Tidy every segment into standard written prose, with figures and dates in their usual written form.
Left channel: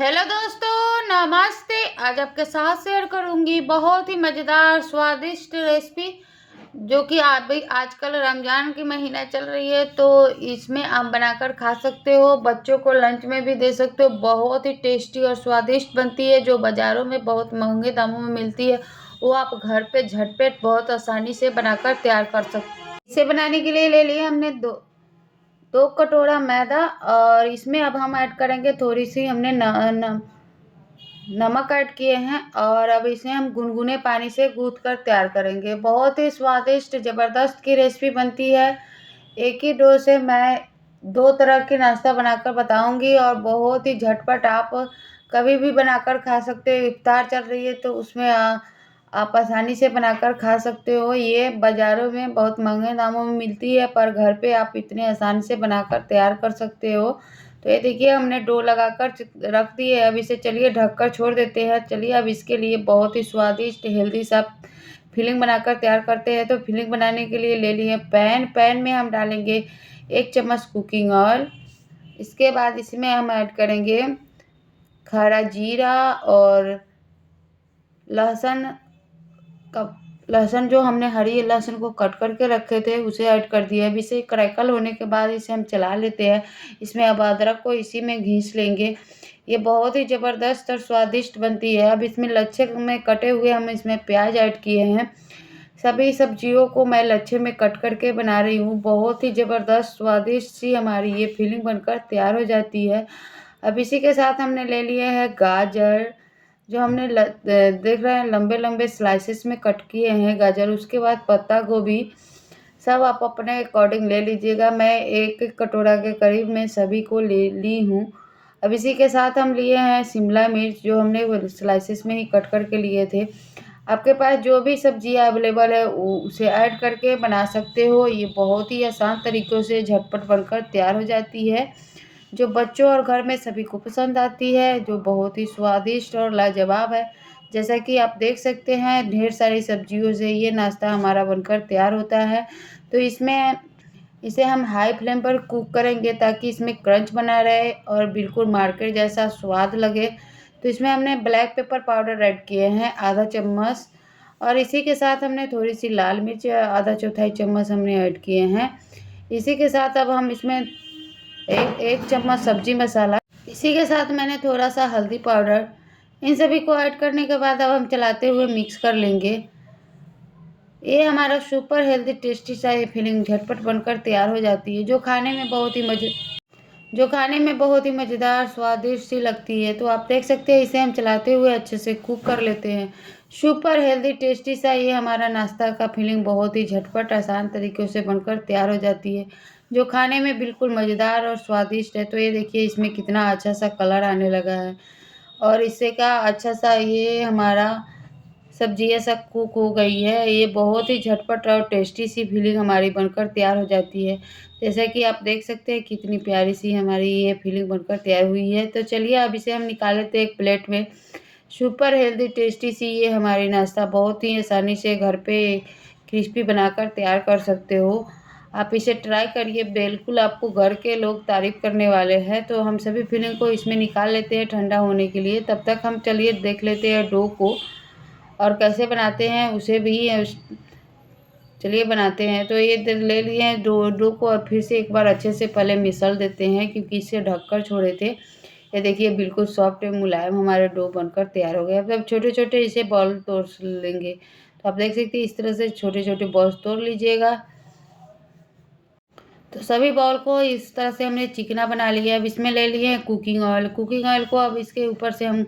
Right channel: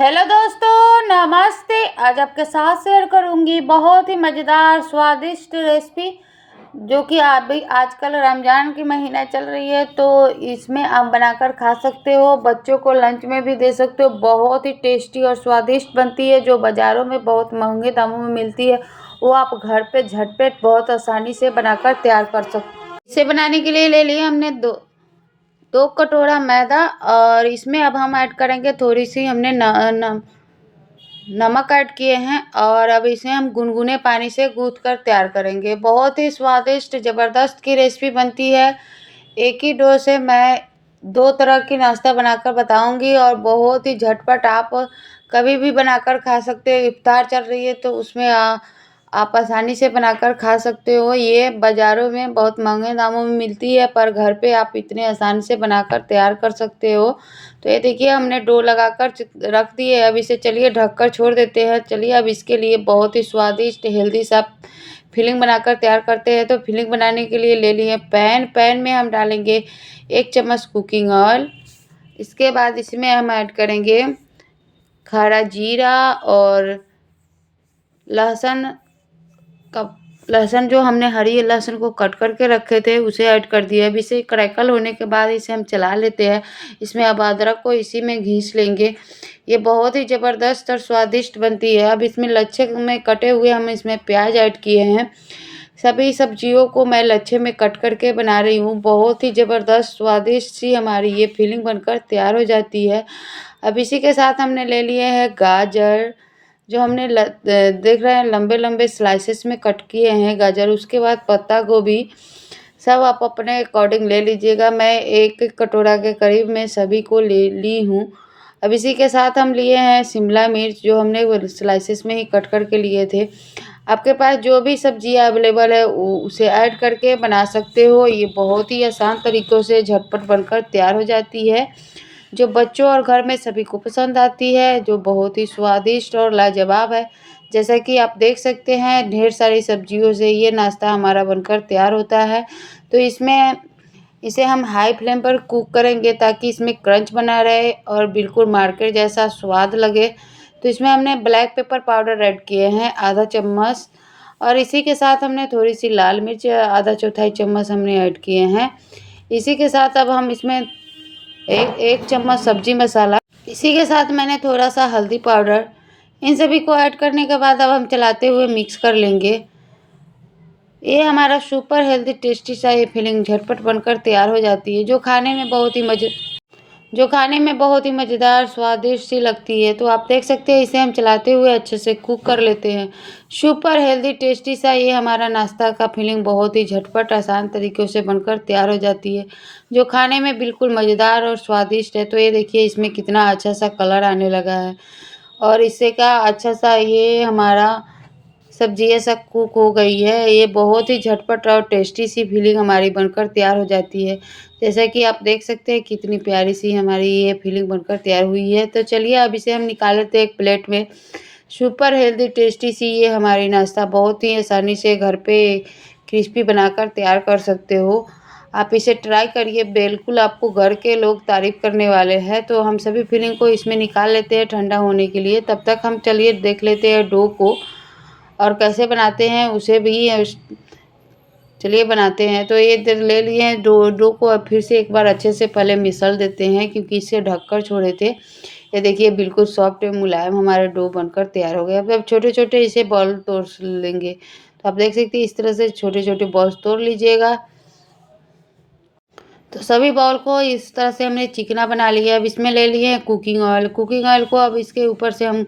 Hello दोस्तों, नमस्ते। आज आपके साथ शेयर करूंगी बहुत ही मज़ेदार स्वादिष्ट रेसिपी जो कि आप भी आजकल रमज़ान की महीना चल रही है तो इसमें आप बनाकर खा सकते हो। बच्चों को लंच में भी दे सकते हो। बहुत ही टेस्टी और स्वादिष्ट बनती है। जो बाज़ारों में बहुत महंगे दामों में मिलती है वो आप घर पे झटपट बहुत आसानी से बनाकर तैयार कर सकते हो। इसे बनाने के लिए ले लिए हमने दो कटोरा मैदा और इसमें अब हम ऐड करेंगे थोड़ी सी हमने नमक ऐड किए हैं और अब इसे हम गुनगुने पानी से गूँथ कर तैयार करेंगे। बहुत ही स्वादिष्ट ज़बरदस्त की रेसिपी बनती है। एक ही डो से मैं दो तरह की नाश्ता बनाकर बताऊंगी और बहुत ही झटपट आप कभी भी बनाकर खा सकते हो। इफ्तार चल रही है तो उसमें आप आसानी से बनाकर खा सकते हो। ये बाज़ारों में बहुत महंगे दामों में मिलती है पर घर पे आप इतने आसानी से बनाकर तैयार कर सकते हो। तो ये देखिए हमने डो लगाकर रख दिए। अब इसे चलिए ढककर छोड़ देते हैं। चलिए अब इसके लिए बहुत ही स्वादिष्ट हेल्दी सा फिलिंग बनाकर तैयार करते हैं। तो फिलिंग बनाने के लिए ले लिए पैन में हम डालेंगे 1 चम्मच कुकिंग ऑयल। इसके बाद इसमें हम ऐड करेंगे खड़ा जीरा और लहसुन का लहसुन जो हमने हरी लहसुन को कट करके रखे थे उसे ऐड कर दिया। अब इसे क्रैकल होने के बाद इसे हम चला लेते हैं। इसमें अब अदरक को इसी में घिस लेंगे। ये बहुत ही ज़बरदस्त और स्वादिष्ट बनती है। अब इसमें लच्छे में कटे हुए हम इसमें प्याज ऐड किए हैं। सभी सब्जियों को मैं लच्छे में कट करके बना रही हूँ। बहुत ही ज़बरदस्त स्वादिष्ट सी हमारी ये फिलिंग बनकर तैयार हो जाती है। अब इसी के साथ हमने ले लिए हैं गाजर जो हमने देख रहे हैं लंबे लंबे स्लाइसेस में कट किए हैं गाजर। उसके बाद पत्ता गोभी सब आप अपने अकॉर्डिंग ले लीजिएगा। मैं एक कटोरा के करीब में सभी को ले ली हूँ। अब इसी के साथ हम लिए हैं शिमला मिर्च जो हमने स्लाइसेस में ही कट करके लिए थे। आपके पास जो भी सब्जियां अवेलेबल है उसे ऐड करके बना सकते हो। ये बहुत ही आसान तरीक़ों से झटपट बनकर तैयार हो जाती है जो बच्चों और घर में सभी को पसंद आती है, जो बहुत ही स्वादिष्ट और लाजवाब है। जैसा कि आप देख सकते हैं ढेर सारी सब्जियों से ये नाश्ता हमारा बनकर तैयार होता है। तो इसे हम हाई फ्लेम पर कुक करेंगे ताकि इसमें क्रंच बना रहे और बिल्कुल मार्केट जैसा स्वाद लगे। तो इसमें हमने ब्लैक पेपर पाउडर ऐड किए हैं आधा चम्मच और इसी के साथ हमने थोड़ी सी लाल मिर्च आधा चौथाई चम्मच हमने ऐड किए हैं। इसी के साथ अब हम इसमें एक चम्मच सब्जी मसाला, इसी के साथ मैंने थोड़ा सा हल्दी पाउडर, इन सभी को ऐड करने के बाद अब हम चलाते हुए मिक्स कर लेंगे। ये हमारा सुपर हेल्दी टेस्टी सा ये फिलिंग झटपट बनकर तैयार हो जाती है जो खाने में बहुत ही मज़ेदार स्वादिष्ट सी लगती है। तो आप देख सकते हैं इसे हम चलाते हुए अच्छे से कुक कर लेते हैं। सुपर हेल्दी टेस्टी सा ये हमारा नाश्ता का फिलिंग बहुत ही झटपट आसान तरीक़ों से बनकर तैयार हो जाती है जो खाने में बिल्कुल मज़ेदार और स्वादिष्ट है। तो ये देखिए इसमें कितना अच्छा सा कलर आने लगा है और इससे का अच्छा सा ये हमारा सब्जी ऐसा कुक हो गई है। ये बहुत ही झटपट और टेस्टी सी फिलिंग हमारी बनकर तैयार हो जाती है। जैसा कि आप देख सकते हैं कितनी प्यारी सी हमारी ये फिलिंग बनकर तैयार हुई है। तो चलिए अब इसे हम निकाल लेते हैं एक प्लेट में। सुपर हेल्दी टेस्टी सी ये हमारी नाश्ता बहुत ही आसानी से घर पे क्रिस्पी बनाकर तैयार कर सकते हो। आप इसे ट्राई करिए, बिल्कुल आपको घर के लोग तारीफ़ करने वाले हैं। तो हम सभी फिलिंग को इसमें निकाल लेते हैं ठंडा होने के लिए। तब तक हम चलिए देख लेते हैं डो को और कैसे बनाते हैं उसे भी चलिए बनाते हैं। तो ये ले लिए हैं डो को अब फिर से एक बार अच्छे से पहले मिसल देते हैं क्योंकि इसे ढककर छोड़े थे। ये देखिए बिल्कुल सॉफ्ट और मुलायम हमारे डो बनकर तैयार हो गया। अब छोटे छोटे इसे बॉल तोड़ लेंगे। तो आप देख सकते हैं इस तरह से छोटे छोटे बॉल्स तोड़ लीजिएगा। तो सभी बॉल को इस तरह से हमने चिकना बना लिया। अब इसमें ले लिए हैं कुकिंग ऑयल को अब इसके ऊपर से हम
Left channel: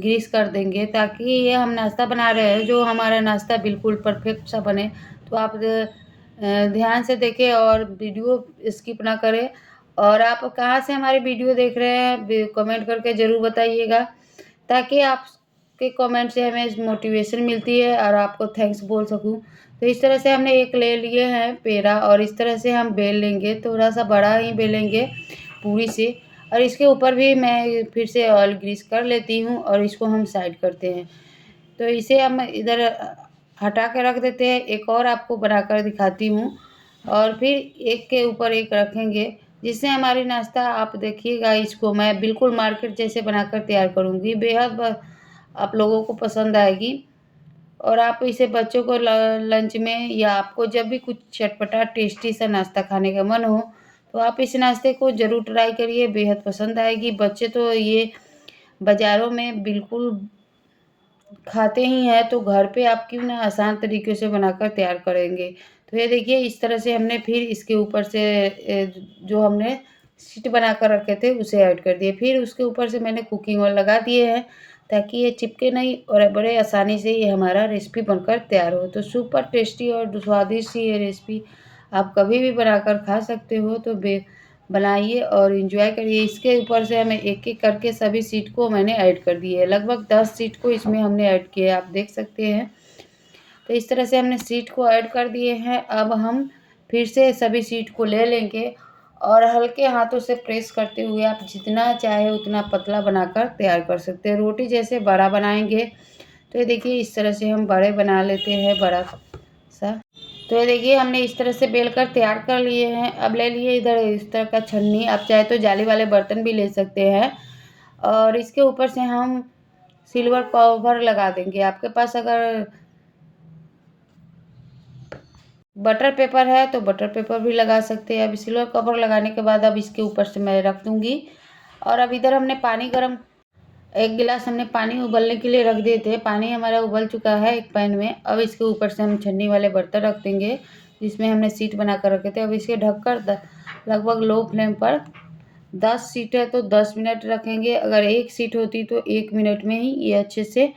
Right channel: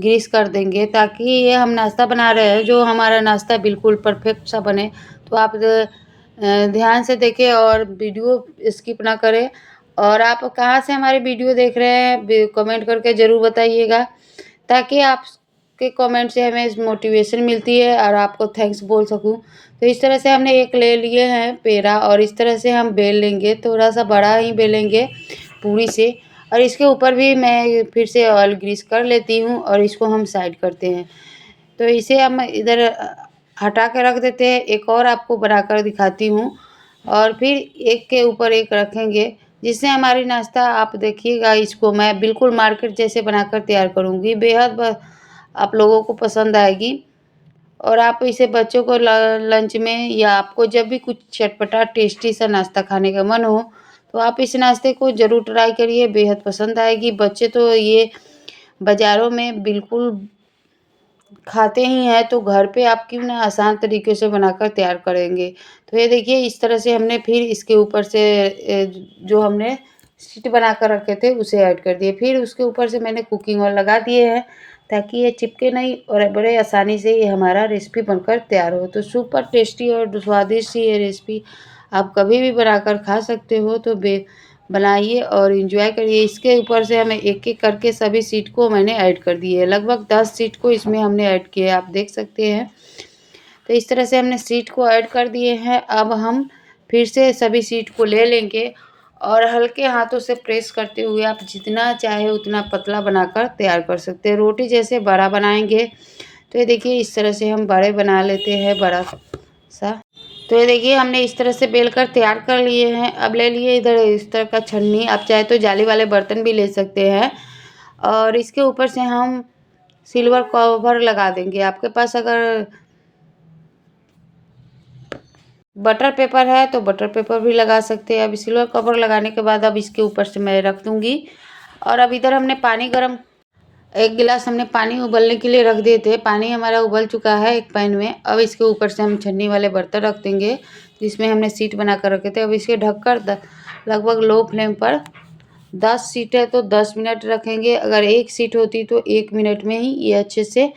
ग्रीस कर देंगे ताकि ये हम नाश्ता बना रहे हैं जो हमारा नाश्ता बिल्कुल परफेक्ट सा बने। तो आप ध्यान से देखें और वीडियो स्किप ना करें। और आप कहाँ से हमारी वीडियो देख रहे हैं कमेंट करके ज़रूर बताइएगा ताकि आपके कमेंट से हमें मोटिवेशन मिलती है और आपको थैंक्स बोल सकूं। तो इस तरह से हमने एक ले लिए हैं पेड़ा और इस तरह से हम बेल लेंगे, थोड़ा सा बड़ा ही बेलेंगे पूरी से। और इसके ऊपर भी मैं फिर से ऑयल ग्रीस कर लेती हूँ और इसको हम साइड करते हैं। तो इसे हम इधर हटा के रख देते हैं। एक और आपको बनाकर दिखाती हूँ और फिर एक के ऊपर एक रखेंगे जिससे हमारी नाश्ता आप देखिएगा, इसको मैं बिल्कुल मार्केट जैसे बनाकर तैयार करूँगी। बेहद आप लोगों को पसंद आएगी और आप इसे बच्चों को लंच में या आपको जब भी कुछ चटपटा टेस्टी सा नाश्ता खाने का मन हो, तो आप इस नाश्ते को ज़रूर ट्राई करिए, बेहद पसंद आएगी। बच्चे तो ये बाज़ारों में बिल्कुल खाते ही हैं, तो घर पे आप क्यों ना आसान तरीके से बनाकर तैयार करेंगे। तो ये देखिए, इस तरह से हमने फिर इसके ऊपर से जो हमने शीट बना कर रखे थे उसे ऐड कर दिए। फिर उसके ऊपर से मैंने कुकिंग ऑयल लगा दिए हैं ताकि ये चिपके नहीं और बड़े आसानी से ये हमारा रेसिपी बनकर तैयार हो। तो सुपर टेस्टी और स्वादिष्ट सी ये रेसिपी आप कभी भी बनाकर खा सकते हो, तो बनाइए और एंजॉय करिए। इसके ऊपर से हमें एक-एक करके सभी शीट को मैंने ऐड कर दिए है। लगभग 10 शीट को इसमें हमने ऐड किया है, आप देख सकते हैं। तो इस तरह से हमने शीट को ऐड कर दिए हैं। अब हम फिर से सभी शीट को ले लेंगे और हल्के हाथों से प्रेस करते हुए आप जितना चाहे उतना पतला बनाकर तैयार कर सकते हैं। रोटी जैसे बड़ा बनाएँगे, तो ये देखिए इस तरह से हम बड़े बना लेते हैं, बड़ा सा। तो ये देखिए हमने इस तरह से बेल कर तैयार कर लिए हैं। अब ले लिए इधर इस तरह का छन्नी, आप चाहे तो जाली वाले बर्तन भी ले सकते हैं और इसके ऊपर से हम सिल्वर कवर लगा देंगे। आपके पास अगर बटर पेपर है तो बटर पेपर भी लगा सकते हैं। अब सिल्वर कवर लगाने के बाद अब इसके ऊपर से मैं रख दूँगी और अब इधर हमने पानी गरम 1 गिलास हमने पानी उबलने के लिए रख दिए थे। पानी हमारा उबल चुका है एक पैन में। अब इसके ऊपर से हम छन्नी वाले बर्तन रख देंगे, जिसमें हमने शीट बना कर रखे थे। अब इसे ढककर लगभग लो फ्लेम पर 10 सीट है तो 10 मिनट रखेंगे। अगर 1 सीट होती तो 1 मिनट में ही ये अच्छे से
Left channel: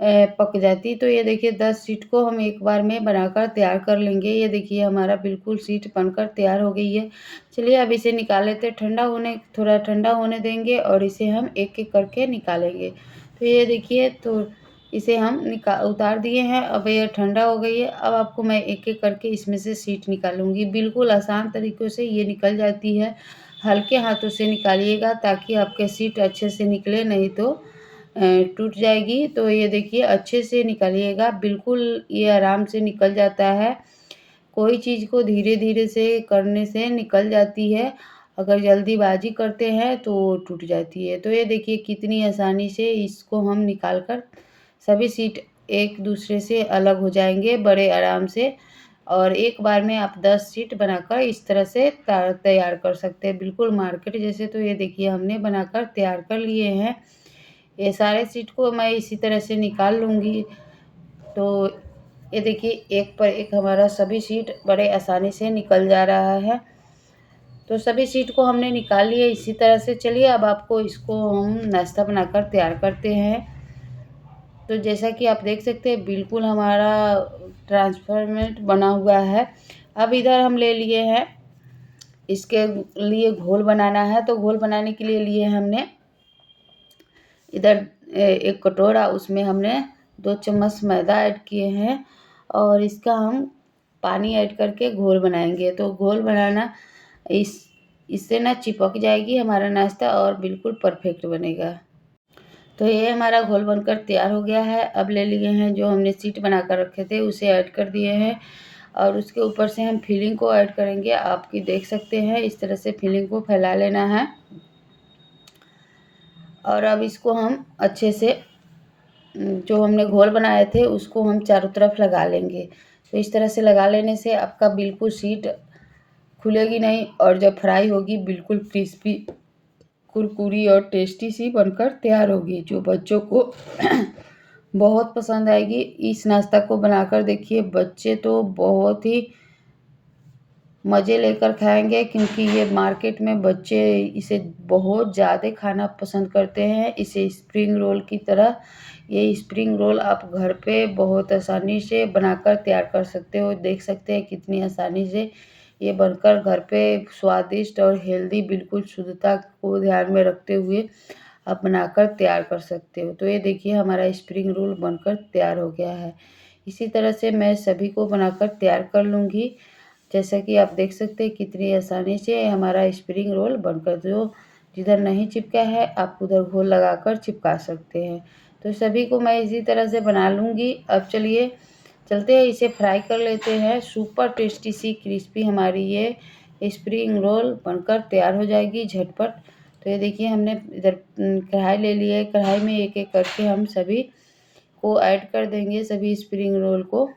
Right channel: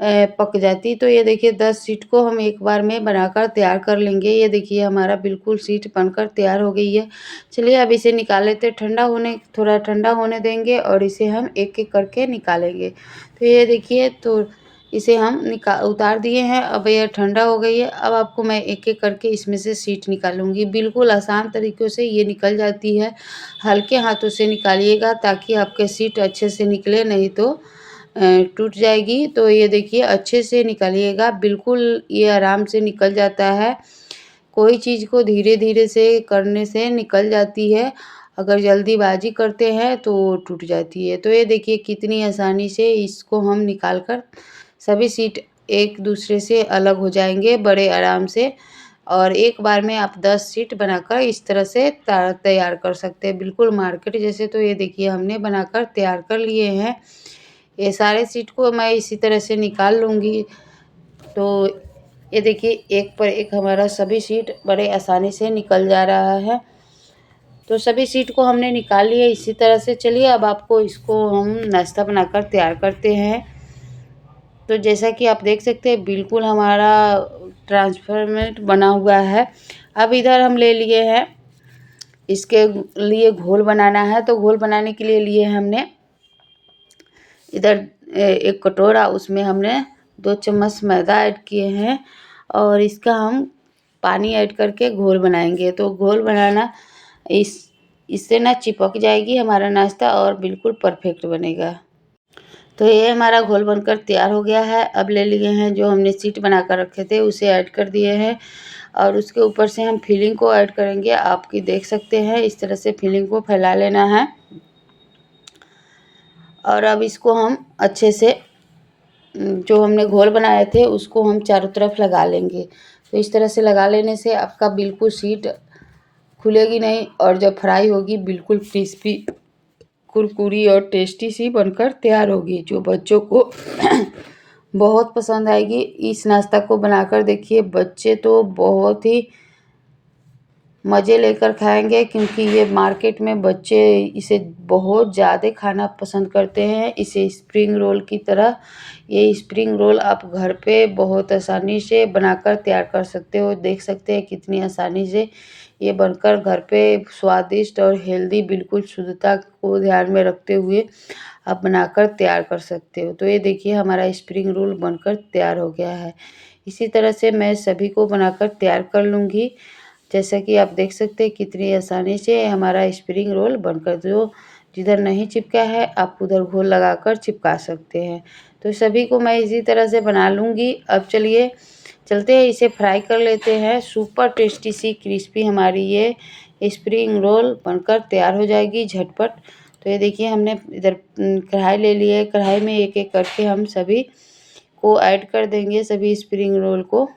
पक जाती। तो ये देखिए 10 सीट को हम एक बार में बनाकर तैयार कर लेंगे। ये देखिए हमारा बिल्कुल सीट बनकर तैयार हो गई है। चलिए अब इसे निकाल लेते हैं, थोड़ा ठंडा होने देंगे और इसे हम एक-एक करके निकालेंगे। तो ये देखिए, तो इसे हम उतार दिए हैं। अब ये ठंडा हो गई है। अब आपको मैं एक-एक करके इसमें से सीट निकालूँगी। बिल्कुल आसान तरीक़ों से ये निकल जाती है। हल्के हाथों से निकालिएगा ताकि आपके सीट अच्छे से निकले, नहीं तो टूट जाएगी। तो ये देखिए अच्छे से निकालिएगा, बिल्कुल ये आराम से निकल जाता है। कोई चीज़ को धीरे-धीरे से करने से निकल जाती है, अगर जल्दीबाज़ी करते हैं तो टूट जाती है। तो ये देखिए कितनी आसानी से इसको हम निकाल कर सभी सीट एक दूसरे से अलग हो जाएँगे बड़े आराम से और एक बार में आप 10 सीट बनाकर इस तरह से तैयार कर सकते हैं, बिल्कुल मार्केट जैसे। तो ये देखिए हमने बनाकर तैयार कर लिए हैं। ये सारे सीट को मैं इसी तरह से निकाल लूँगी। तो ये देखिए एक पर एक हमारा सभी सीट बड़े आसानी से निकल जा रहा है। तो सभी सीट को हमने निकाल लिया इसी तरह से। चलिए अब आपको इसको हम नाश्ता बनाकर तैयार करते हैं। तो जैसा कि आप देख सकते हैं बिल्कुल हमारा ट्रांसफॉर्मेट बना हुआ है। अब इधर हम ले लिए हैं, इसके लिए घोल बनाना है। तो घोल बनाने के लिए लिए हमने इधर एक कटोरा, उसमें हमने 2 चम्मच मैदा ऐड किए हैं और इसका हम पानी ऐड करके घोल बनाएंगे। तो घोल बनाना इससे ना चिपक जाएगी हमारा नाश्ता और बिल्कुल परफेक्ट बनेगा। तो ये हमारा घोल बनकर तैयार हो गया है। अब ले लिए हैं जो हमने शीट बना कर रखे थे उसे ऐड कर दिए हैं और उसके ऊपर से हम फिलिंग को ऐड करेंगे। आपकी देख सकते हैं इस तरह से फिलिंग को फैला लेना है और अब इसको हम अच्छे से जो हमने घोल बनाए थे उसको हम चारों तरफ लगा लेंगे। तो इस तरह से लगा लेने से आपका बिल्कुल शीट खुलेगी नहीं और जब फ्राई होगी बिल्कुल क्रिस्पी, कुरकुरी और टेस्टी सी बनकर तैयार होगी, जो बच्चों को बहुत पसंद आएगी। इस नाश्ता को बनाकर देखिए, बच्चे तो बहुत ही मज़े लेकर खाएंगे क्योंकि ये मार्केट में बच्चे इसे बहुत ज़्यादा खाना पसंद करते हैं। इसे स्प्रिंग रोल की तरह, ये स्प्रिंग रोल आप घर पे बहुत आसानी से बनाकर तैयार कर सकते हो। देख सकते हैं कितनी आसानी से ये बनकर घर पे स्वादिष्ट और हेल्दी, बिल्कुल शुद्धता को ध्यान में रखते हुए आप बनाकर तैयार कर सकते हो। तो ये देखिए हमारा स्प्रिंग रोल बनकर तैयार हो गया है। इसी तरह से मैं सभी को बनाकर तैयार कर लूँगी। जैसा कि आप देख सकते हैं कितनी आसानी से हमारा स्प्रिंग रोल बनकर, जो जिधर नहीं चिपका है आप उधर घोल लगाकर चिपका सकते हैं। तो सभी को मैं इसी तरह से बना लूँगी। अब चलिए चलते हैं, इसे फ्राई कर लेते हैं। सुपर टेस्टी सी क्रिस्पी हमारी ये स्प्रिंग रोल बनकर तैयार हो जाएगी झटपट। तो ये देखिए हमने इधर कढ़ाई ले ली है, कढ़ाई में एक एक करके हम सभी को ऐड कर देंगे, सभी स्प्रिंग रोल को।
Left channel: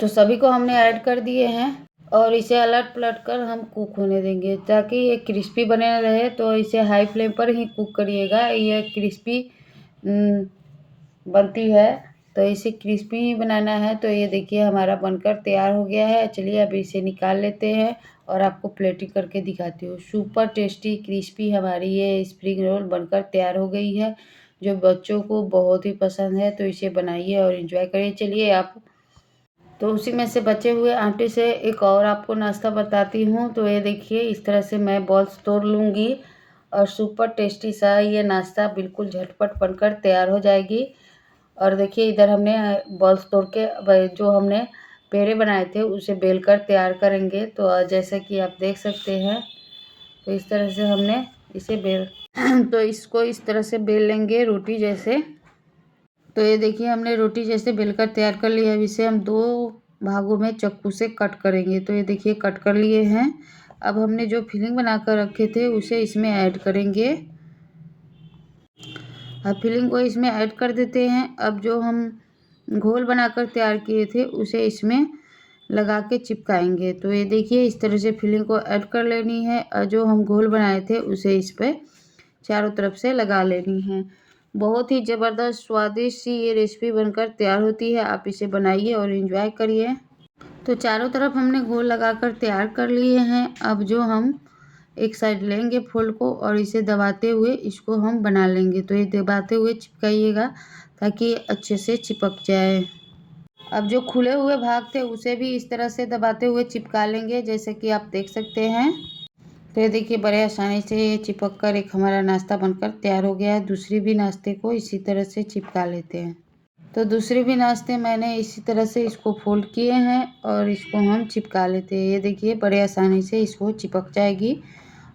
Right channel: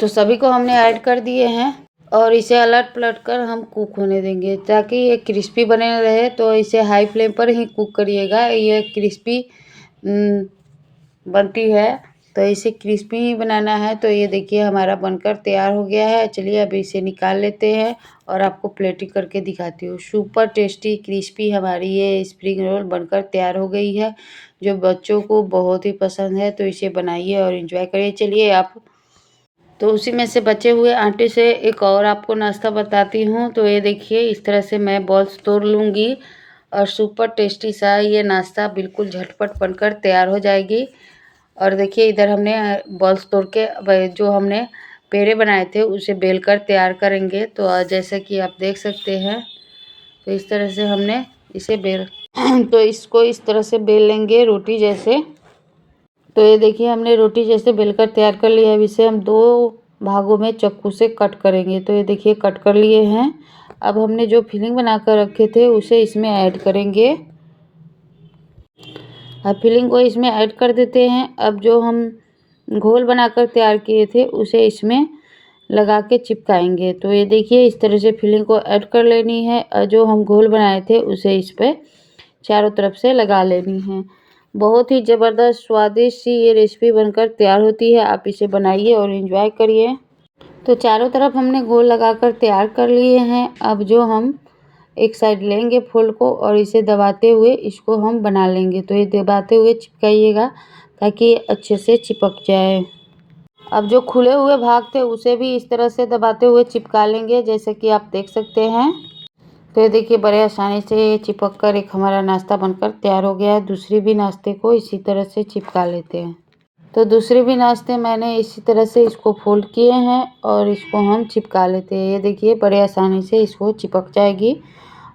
तो सभी को हमने ऐड कर दिए हैं और इसे अलट पलट कर हम कुक होने देंगे ताकि ये क्रिस्पी बने रहे। तो इसे हाई फ्लेम पर ही कुक करिएगा, ये क्रिस्पी बनती है, तो इसे क्रिस्पी ही बनाना है। तो ये देखिए हमारा बनकर तैयार हो गया है। चलिए अब इसे निकाल लेते हैं और आपको प्लेटिंग करके दिखाती हूँ। सुपर टेस्टी क्रिस्पी हमारी ये स्प्रिंग रोल बनकर तैयार हो गई है, जो बच्चों को बहुत ही पसंद है। तो इसे बनाइए और इन्जॉय करिए। चलिए आप, तो उसी में से बचे हुए आटे से एक और आपको नाश्ता बताती हूँ। तो ये देखिए इस तरह से मैं बॉल्स तोड़ लूँगी और सुपर टेस्टी सा ये नाश्ता बिल्कुल झटपट बनकर तैयार हो जाएगी। और देखिए इधर हमने बॉल्स तोड़ के जो हमने पेड़े बनाए थे उसे बेल कर तैयार करेंगे। तो जैसा कि आप देख सकते हैं, तो इस तरह से हमने इसे बेल तो इसको इस तरह से बेल लेंगे रोटी जैसे। तो ये देखिए हमने रोटी जैसे बेलकर तैयार कर लिया है। अब इसे हम 2 भागों में चाकू से कट करेंगे। तो ये देखिए कट कर लिए हैं। अब हमने जो फिलिंग बनाकर रखे थे उसे इसमें ऐड करेंगे। अब फिलिंग को इसमें ऐड कर देते हैं। अब जो हम घोल बनाकर तैयार किए थे उसे इसमें लगा के चिपकाएंगे। तो ये देखिए इस तरह से फिलिंग को ऐड कर लेनी है और जो हम घोल बनाए थे उसे इस पर चारों तरफ से लगा लेनी है। बहुत ही ज़बरदस्त स्वादिष्ट सी ये रेसिपी बनकर तैयार होती है। आप इसे बनाइए और एंजॉय करिए। तो चारों तरफ हमने घोल लगाकर तैयार कर लिए हैं। अब जो हम एक साइड लेंगे फूल को और इसे दबाते हुए इसको हम बना लेंगे। तो ये दबाते हुए चिपकाइएगा ताकि अच्छे से चिपक जाए। अब जो खुले हुए भाग थे उसे भी इस तरह से दबाते हुए चिपका लेंगे, जैसे कि आप देख सकते हैं। तो ये देखिए बड़े आसानी से चिपक कर एक हमारा नाश्ता बनकर तैयार हो गया है। दूसरी भी नाश्ते को इसी तरह से चिपका लेते हैं। तो दूसरे भी नाश्ते मैंने इसी तरह से इसको फोल्ड किए हैं और इसको हम चिपका लेते हैं। ये देखिए बड़े आसानी से इसको चिपक जाएगी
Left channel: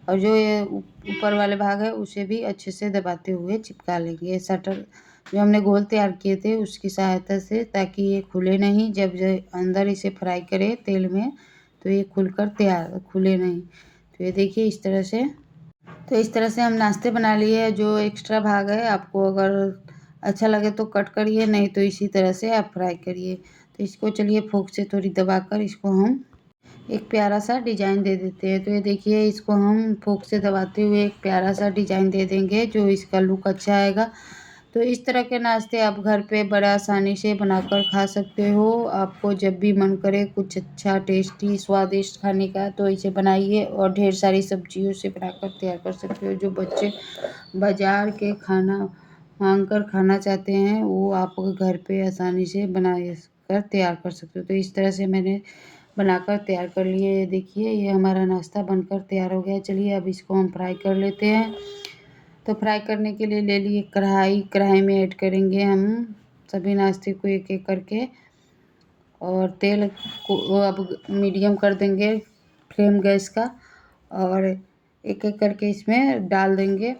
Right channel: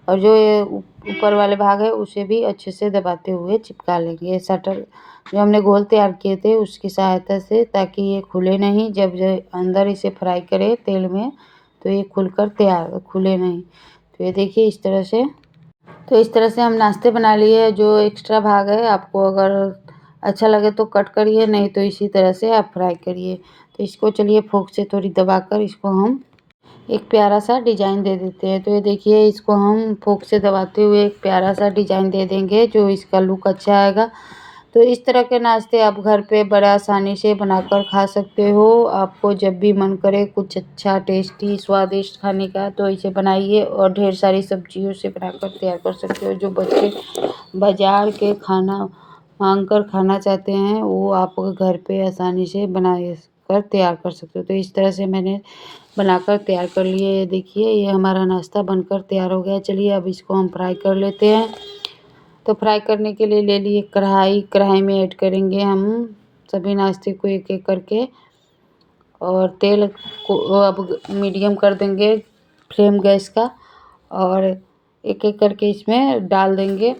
और जो ये ऊपर वाले भाग है उसे भी अच्छे से दबाते हुए चिपका लेंगे। ये शटर जो हमने घोल तैयार किए थे उसकी सहायता से, ताकि ये खुले नहीं। जब अंदर इसे फ्राई करें तेल में तो ये खुलकर तैयार खुले नहीं। तो ये देखिए इस तरह से, तो इस तरह से हम नाश्ते बना लिए। जो एक्स्ट्रा भाग है आपको अगर अच्छा लगे तो कट करिए, नहीं तो इसी तरह से आप फ्राई करिए। तो इसको चलिए फोक से थोड़ी दबाकर इसको हम एक प्यारा सा डिज़ाइन दे देते हैं। तो ये देखिए इसको हम फोक से दबाते हुए एक प्यारा सा डिज़ाइन दे देंगे जो इसका लुक अच्छा आएगा। तो इस तरह के नाश्ते आप घर पे बड़ा आसानी से बनाकर खा सकते हो। आपको जब भी मन करे कुछ अच्छा टेस्टी स्वादिष्ट खाने का तो इसे बनाइए और ढेर सारी सब्जियों से बनाकर तैयार कर सकते हो। जो बच्चे बाज़ार के खाना मांग कर खाना चाहते हैं वो आप घर पे आसानी से बना कर तैयार कर सकते हो। तो इस तरह से मैंने बनाकर तैयार कर लिए। ये देखिए ये हमारा नाश्ता बनकर तैयार हो गया। चलिए अब इसको हम फ्राई कर लेते हैं। तो फ्राई करने के लिए ले लिए कढ़ाई, कढ़ाई में ऐड करेंगे हम सभी नाश्ते को एक एक करके और तेल को अब मीडियम कर देंगे फ्लेम गैस का और एक एक करके इसमें डाल देंगे।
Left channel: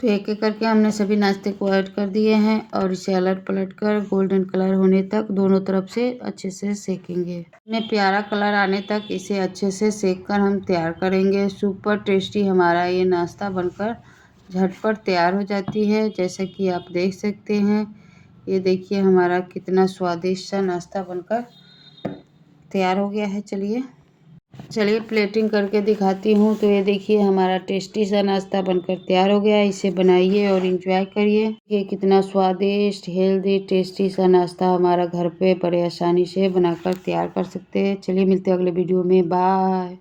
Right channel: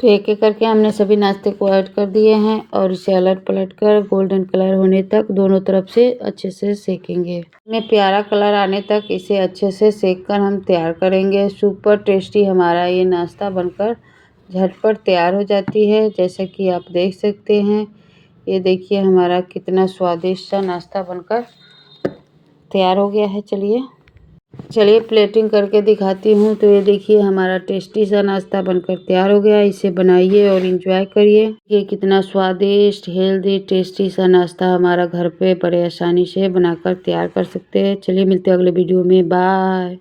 तो एक एक करके हमने सभी नाश्ते को ऐड कर दिए हैं और इसे अलट पलट कर गोल्डन कलर होने तक दोनों तरफ से अच्छे से सेकेंगे। इसमें प्यारा कलर आने तक इसे अच्छे से सेक कर हम तैयार करेंगे। सुपर टेस्टी हमारा ये नाश्ता बनकर झटपट तैयार हो जाती है, जैसा कि आप देख सकते हैं। ये देखिए हमारा कितना स्वादिष्ट सा नाश्ता बनकर तैयार हो गया है। चलिए प्लेटिंग करके दिखाती हूँ। तो ये देखिए हमारा टेस्टी सा नाश्ता बनकर तैयार हो गया। इसे बनाइए और एंजॉय करिए। ये कितना स्वादिष्ट हेल्दी टेस्टी सा नाश्ता हमारा घर पे बड़े आसानी से बनाकर तैयार कर सकते हैं। चलिए मिलते हैं अगले वीडियो में। बाय।